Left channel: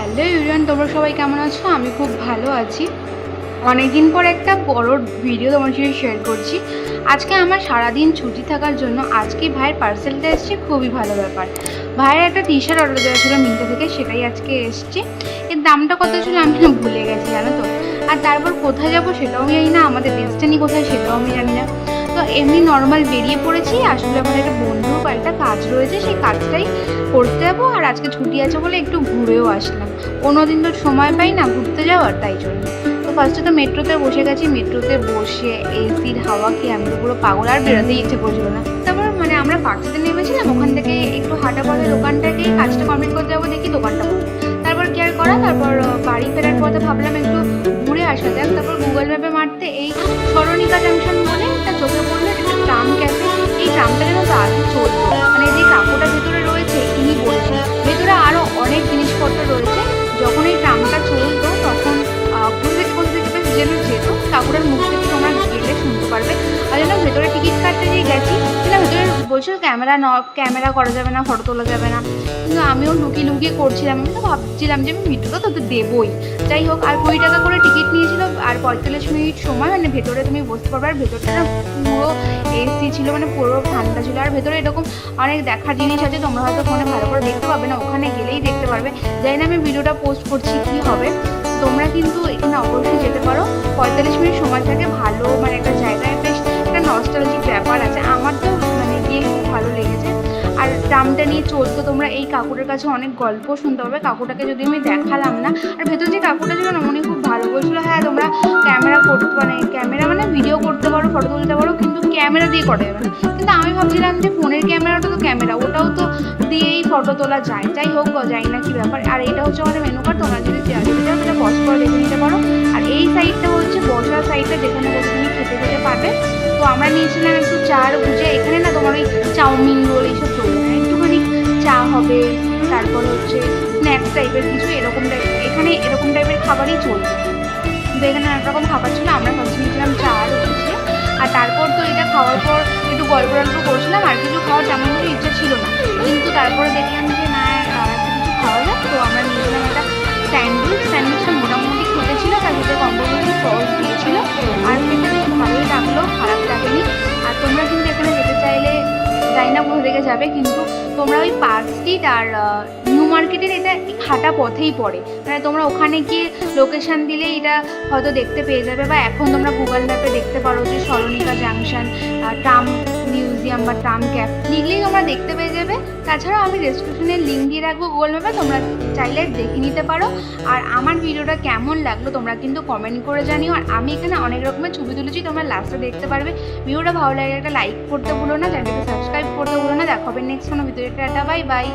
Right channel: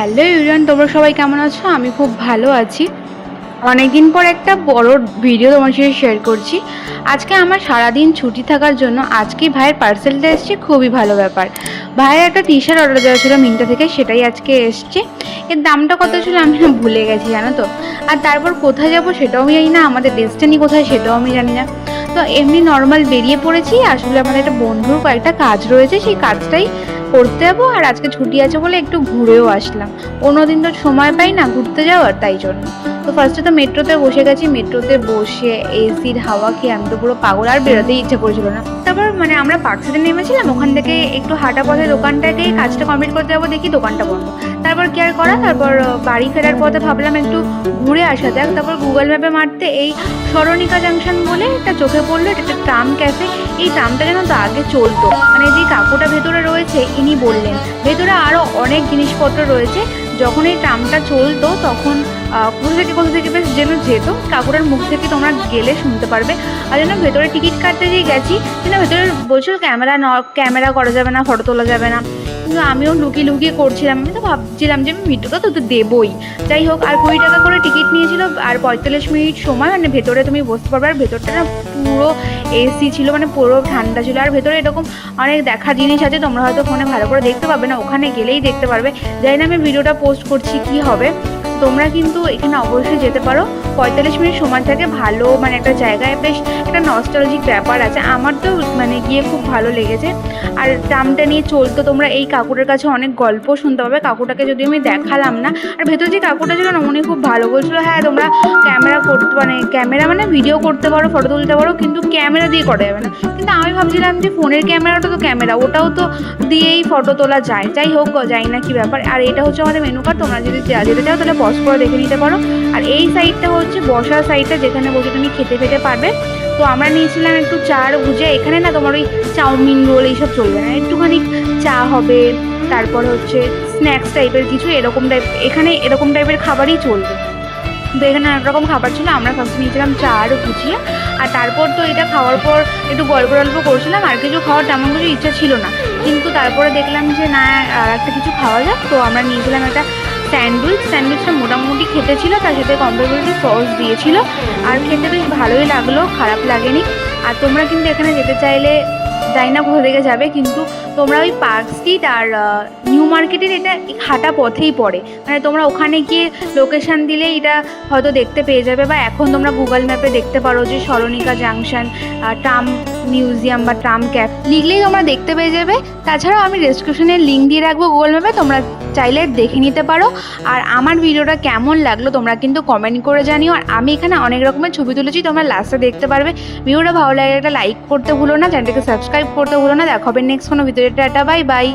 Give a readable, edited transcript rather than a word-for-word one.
Hello everyone, তোমরা সবাই কেমন আছো? আমি খুব ভালো আছি। অনেকদিন পর একটা বড় ভিডিও তোমার সাথে শেয়ার করছি। আজকে আমার সারাদিন ছুটি থাকার জন্য আজকে ভাইয়ের পার্সেলটা এসছে, খুবই ভালো ব্যাপার। ভাইয়ের একটা টি শার্ট অর্ডার দেওয়া ছিল মিন্ত্রা থেকে, সেটাই আজকে এসছে। এর দামটা কত ছিল আমি ভুলে গেছি, জানো তো। আর তারপর কোথায় যাবো সেটাও আমি জানি না, আমাদের ডেস্টিনি কোথায় সেটাও আমি জানি না। তো এমনি নর্মাল বেরিয়ে পড়েছি। আসলে আমার একটা বন্ধুর কয়েকটা কাজ রয়েছে, সেই কাজটাই করতে যাবো। আর আজকে ছুটি আছে বলে একটু ঘুরেও আসলাম। অন্যদিন তো সময় পাই না ঘুরতে যাওয়ার, তাই জন্য। তো ফার্স্টে তো মেট্রোতে বসে গেছি। মেট্রোতে বসে এসির হাওয়া খেয়ে আমি তো পুরো পাগল, আর বেরোতেই ইচ্ছে করছিল না। তারপর আমরা পার্কসাইডে নেমেছিলাম, ওখান থেকে একটু হাঁটা পথে দোকানটাকেই কাজটা কমপ্লিট করতে যাবো, দেখি দোকানটা বন্ধ। তারপর কি আর করা, তারপর বাড়ি ফেরার পথে ভাবলাম একটু ঘুরে আসা যাক। তারপর গুগল ম্যাপে মারতে এই সরণিকা জাংশন বলে একটা চোখে পড়লো, একটা ট্রাম ক্যাফে। এই ট্রামটা যেন তো আগে চলতো, মানে যে কাকুটা ভেতরে রয়েছে ইনি বললেন ভেতরে আরো অনেক জিনিসপত্র রয়েছে। যখন এই ট্রামটা চলতো তখন কোথা থেকে বেশ যেন যেত, কাকুরার মুখ থেকে তোমরা গেলে শুনতে পারবে। আর যেন ভেতরে টিকিট কাটতে দিয়ে গেছি, কিন্তু ভেতরে বলছিল ক্যামেরা করা যাবে না, ফটো তোলা যাবে না। কিন্তু আমিও লুকিয়ে লুকিয়ে করছিলাম। আমি তো ভাবছিলাম যে আমি ভিডিওটা তো দেবই। যাই হোক, আর 20 টাকা করে টিকিট নিয়েছিল, আর 45 মিনিট সময় মানে ভেতরে তুমি বসতে পারবে। আর ভেতরটা না পুরো এসি ছিল, মানে পুরো ঠান্ডা ছিল। আর ভেতরে এরকম অনেক দেখার জিনিস আছে, তোমরা হয়তো ফোনে ভালো করে দেখতে পাবে না, ওখানে গেলেই দেখতে পারবে। জানি না আমি ভিডিওটা পোস্ট করছি কি হবে। তোমরা কিন্তু এখানে অবশ্যই যেতে পারো। 45 মিনিট সময় থাকে, ভালো মানে একটা জায়গায় বেশ একটা নস্টালজিক ব্যাপার আছে। আমার তো মানে গিয়ে খুব ভালো লেগেছে। আর ট্রামটা নিয়ে চলতো, তোমরা এই কাকুরের কাছে অনেক গল্প শুনতে পাবে। কাকুটাকে যদি আমি দেখালাম না, আর ভেতর যে কাকুটা ছিল না উনি খুব ভালো বলছিল, হ্যাঁ তোমরা ক্যামেরা মানে ভিডিও করতে পারো, ফটো তুলতে পারো, কিন্তু ক্যামেরা দিয়ে করা যাবে না। কিন্তু আমি ভাবছিলাম যে ফোনের ক্যামেরাটা তো ক্যামেরা, ওটাও তো দিয়েই ফটো তোলা যায়। যাই হোক, যাই না কি ব্যাপার। আর এটা হচ্ছে আমাদের মেনু কার্ড, তোমরা যদি যেতে চাও তাহলে পজ করে দেখে নিতে পারো। আর এই সাইডটা হচ্ছে বসার সাইডটা, যেখানে বসে তুমি খেতে খেতে পারবে। তো আমরা নিয়েছিলাম একটু চার ভুজে। এখানে না তোমার ওই চাউমিন রোল এইসব চলবে না, একটুখানি চা হবে, তারপর হচ্ছে স্ন্যাক্স টাইপের কিছু এরকম এখানে এরকম টাইপের খাবারই চলবে। তো এখানে অনেক রকম খাবার ছিল। আমরা ফার্স্ট নিয়েছিলাম চা আর ভুজিয়া। আর তারপর তো এটা খাওয়ার পর একটু গল্প করছিলাম, আর কিছু খাওয়ার তেমন কিছু ইচ্ছা ছিল না। কিন্তু তারপরে দেখলাম যে না, আর একটা কিছু খাওয়া যাক। তো আমরা নিয়েছিলাম একটা স্যান্ডউইচটা মোটামুটি খেতে ছিল, তার সাথে কম্পোজিশন সস দিয়েছিল। আর খেতে বেশ ভালোই লাগলো, খারাপ লাগেনি। আর তোমরা কিন্তু এখানে যেতে চাইলে জানি না কোথা থেকে যাবে, কিন্তু তোমরা ওই পার্ক স্ট্রিট আর নিউ মার্কেটের এটা হাঁটা পথেই পড়ে। মানে তোমরা ওখানে গিয়ে লোকেশন দিলে এটা হয়তো দেখতে পেয়ে যাবে, বা এখন তোমরা গুগল ম্যাপে দেখতে পারো যে সরণিকা জাংশন ট্রাম মিউজিয়াম বা ট্রাম ক্যাফ লিখলেই তোমরা দেখতে পেয়ে যাবে। তাছাড়াও আমি ডেসক্রিপশনের লিঙ্ক দিয়ে রাখবো গুগল ম্যাপে, তোমরা চাইলে দেখে নিতে পারো। আর আমার ভিডিওটা কেমন লাগলো তোমরা কিন্তু কমেন্ট করে জানিও। আর আমি এখানে অনেক রকমের ছবি তুলেছি, তোমরা লাস্টে দেখতে পারবে। ভিডিওটা ভালো লাগে একটা লাইক করতে ভুলো না, চ্যানেলটাকে সাবস্ক্রাইব করতে ভুলো না। দেখা হবে নেক্সট কোনো ভিডিওতে। Tata, bye bye.